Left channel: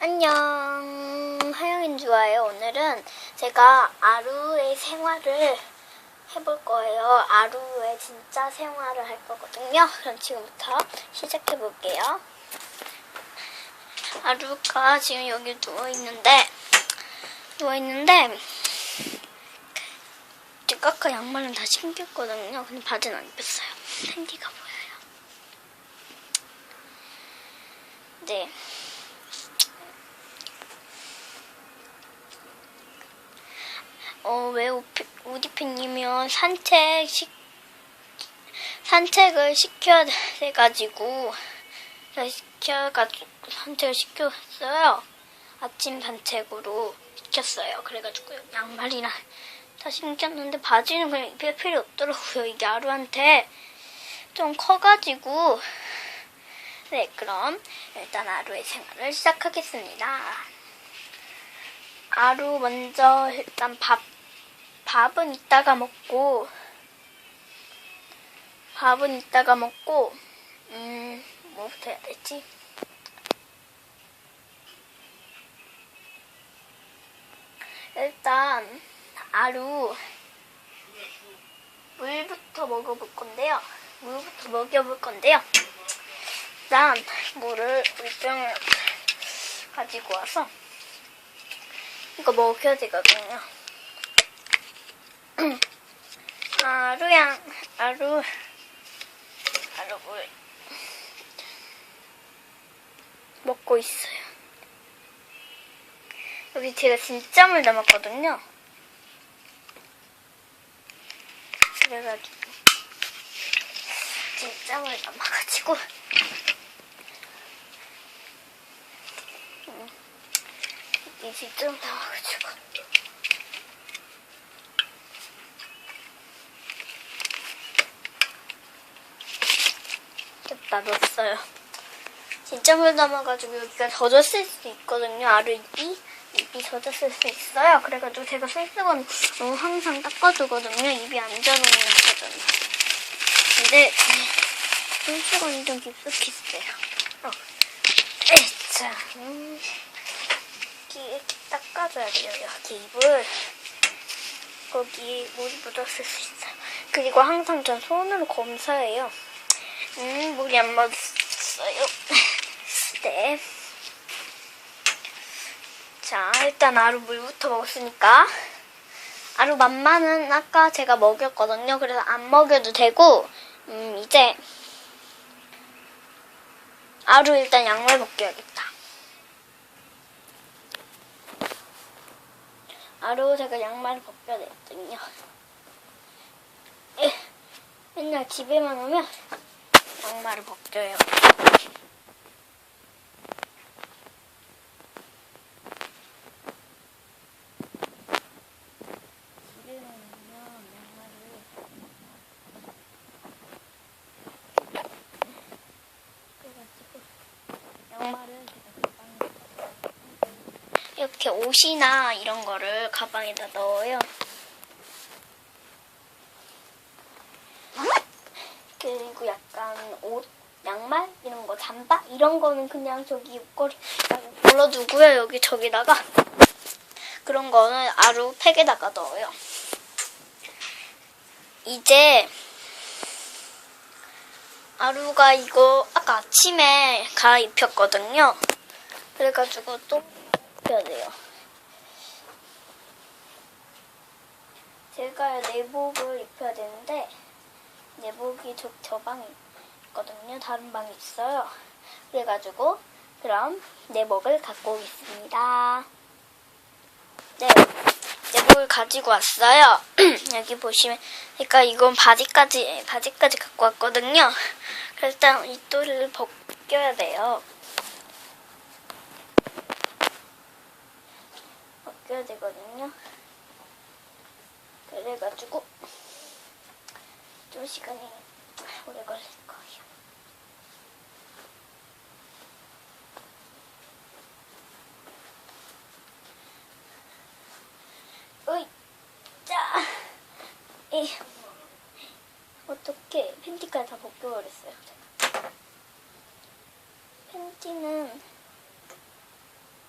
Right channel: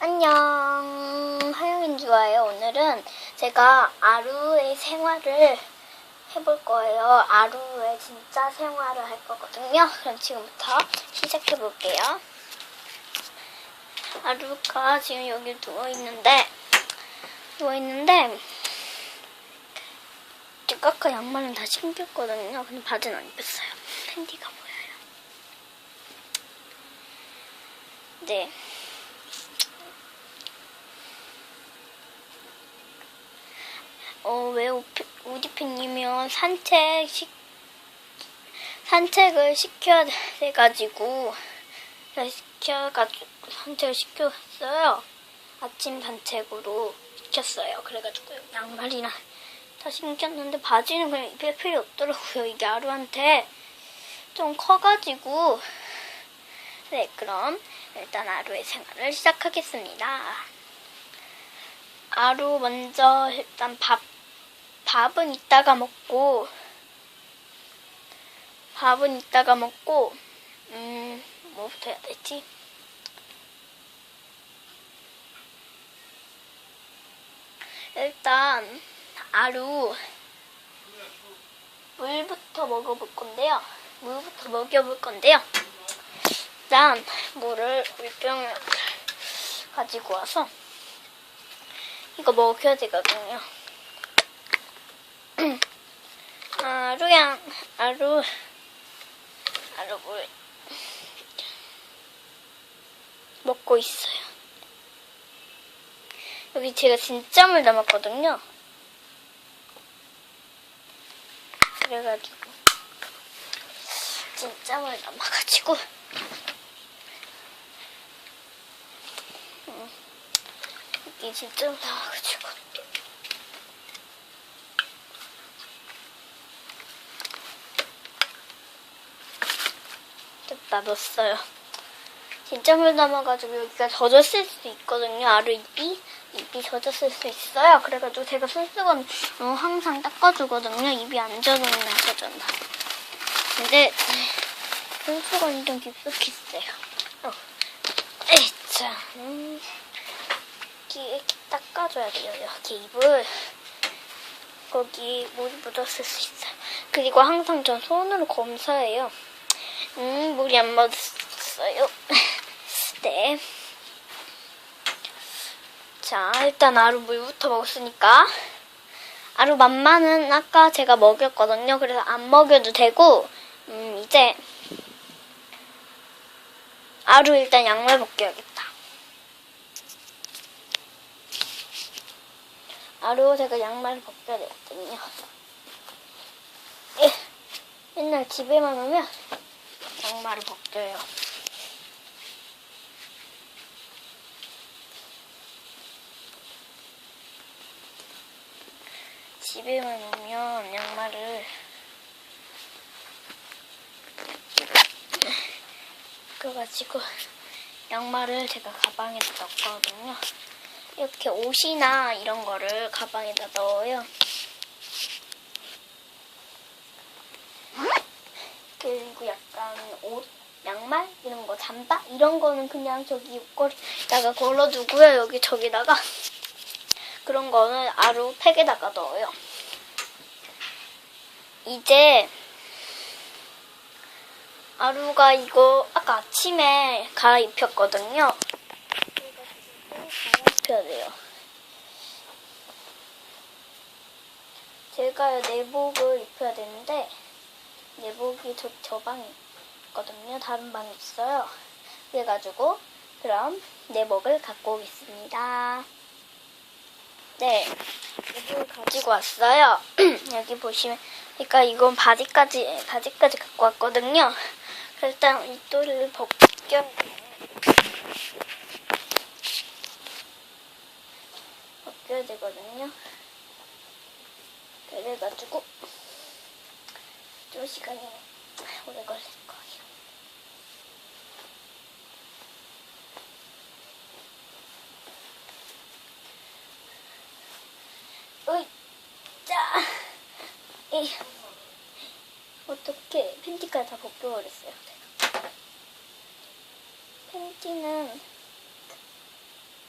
안녕. 하영인 좋아요. 오늘은 제가 아루의 생활을 해볼 거예요. 아루의 진짜 생활을 할 거거든요. 그럼 지금부터 시작해 볼게요. 아루가 지금 여기 누워 있는데 누워 있는데 제가 아까 양말은 다 신겼거든요. 근데 바지는 안 입었어요. 팬티가 보여요. 네. 어, 왜 우디피님이면 산책 시, 산책을 시켜야 돼가지고, 시켜가지고, 산책을 시켰어요. 아침 산책으로 시켰어요. 그래가지고, 양말이랑 다 신겼는데, 바지는 그냥 입을 필요 없더라고요. 이게 아루한테 좀 커가지고, 네, 그럼 일단 아루의 생활을 시작하겠습니다. 아루 먼저 일단 밥 밥은 이따가 먹고 밥은 이따가 먹고 음 뭐부터 해야 되지? 일단 아루 물부터 먹어볼 건데요. 물부터 먹여볼 건데요. 일단 물을 물병을 가지고 와서 이거 먹여야 되거든요. 아루양, 아루, 아루 물. 먹고 있어요. 여기 제가 진짜 물 담았거든요. 그래가지고 진짜 물 담아가지고. 음, 이게 진짜 물 담아가지고 됐다 넣었어요. 진짜 물 담아가지고 여기가 젖었을 수도 있거든요. 아루 입이 입이 젖었을 수 있어요. 그래가지고 제가 어, 항상 닦아주거든요. 입이 안 젖는 거잖아. 근데 손수건이 좀 깊숙이 있어요. 어. 에자, 음. 이렇게 닦아줘야 돼요. 여기 입을 거기 물이 묻었을 수 있어요. 그리고 항상 전 손으로 검사해요. 음, 물이 안 묻었어요. 네. 자, 일단 아루 물부터 먹었으니까. 아루 맘마는 아까 제가 먹였거든요. 그래서 안 먹여도 되고, 음, 이제. 아루 일단 양말 벗겨야겠다. 아루 제가 양말을 벗겨야 되거든요. 에, 맨날 집에만 오면 양말을 벗겨요. 집에만 오면 양말을 그래가지고 양말을 제가 가방에다 넣거든요. 이렇게 옷이나 이런 거를 가방에다 넣어요. 그리고 약간 옷, 양말 이런 거 잠바 이런 거는 그냥 저기 옷걸이다가 걸러두고요. 여기 저기다가 그런 거는 아루 팩에다가 넣어요. 이제 아루가 이거 아까 아침에 갈아입혔거든요. 그래가지고 또 입혀야 돼요. 제가 내복을 입혀야 되는데 내복이 저, 저 방에 있거든요. 다른 방에 있어요. 그래가지고 그럼 내복을 갖고 오겠습니다. 네, 내복을 가지고 왔어요. 여기 보시면 그러니까 이건 바지까지 바지까지 갖고 왔거든요. 그래서 일단 이 또를 벗겨야 돼요. 벗겨야 되거든요. 그래가지고 좀 시간이 오래 거예요. 으이, 자, 이, 어떻게 팬티까지 다 벗겨버렸어요. 팬티는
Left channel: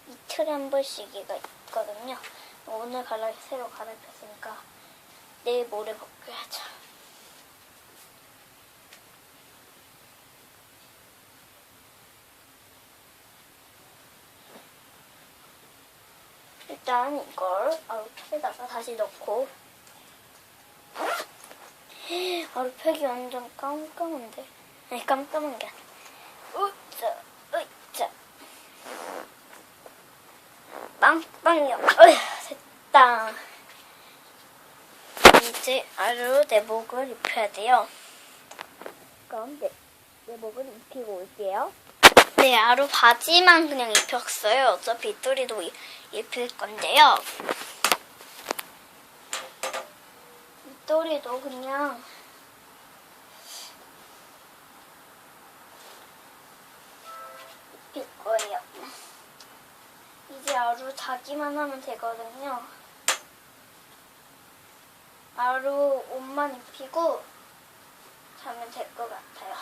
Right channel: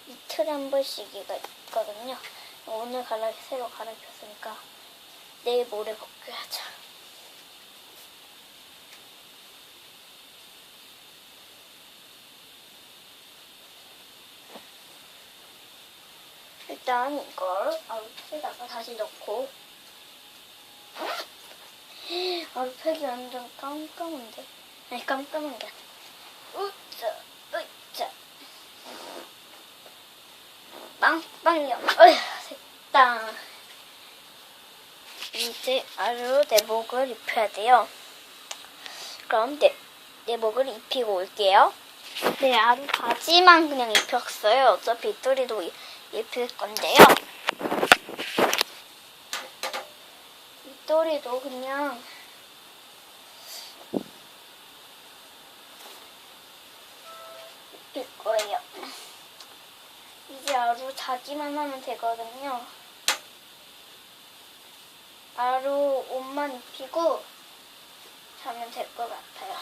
이틀에 한 번씩이가 있거든요. 오늘 갈아 새로 갈아입혔으니까 내일 모레 벗겨야죠. 일단 이걸 아웃팩에다가 다시 넣고 아웃팩이 완전 깜깜한데? 아니 깜깜한 게 아니라. 으짜 으짜. 빵빵요 어휴 됐다. 이제 아루 내복을 입혀야 돼요. 그럼 내, 내복을 입히고 올게요. 네 아루 바지만 그냥 입혔어요. 어차피 이- 입힐 건데요 윗도리도 그냥 입힐 거예요. 이제 아루 자기만 하면 되거든요. 아루 옷만 입히고 자면 될 것 같아요.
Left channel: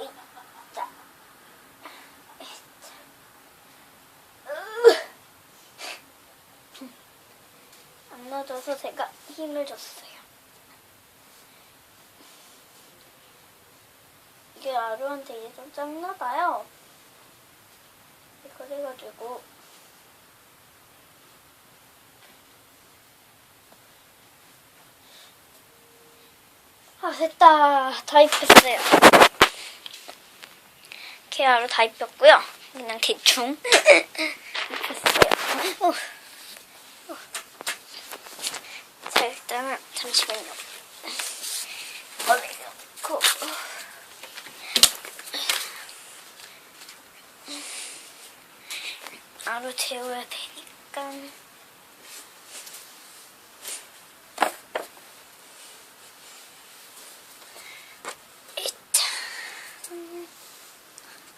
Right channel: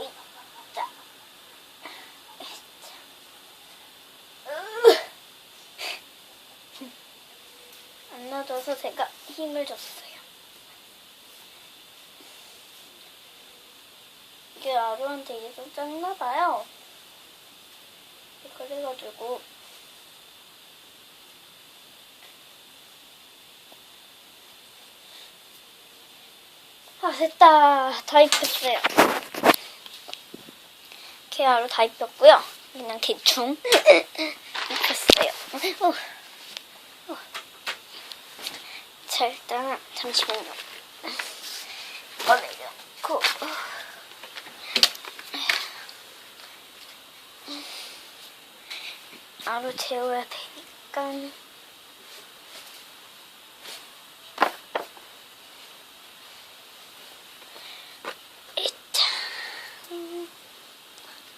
이자. 안 넣어줘서 제가 힘을 줬어요. 이게 아루한테 좀 짰나봐요. 그래가지고 아 됐다 다 입혔어요. 아루 다 입혔고요. 그냥 대충 입혔어요. 어. 자, 일단은 잠시만요. 꺼내놓고. 아로 재워야 되니까.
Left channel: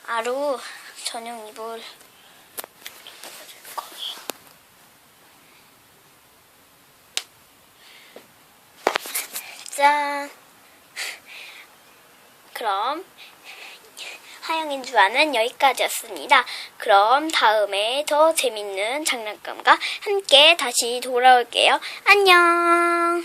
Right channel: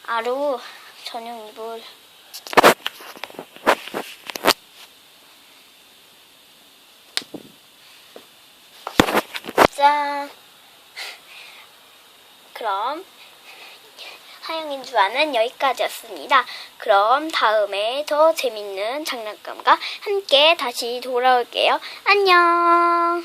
아로 전용 이불. 그럼 하영인 주화는 여기까지였습니다. 그럼 다음에 더 재밌는 장난감과 함께 다시 돌아올게요. 안녕.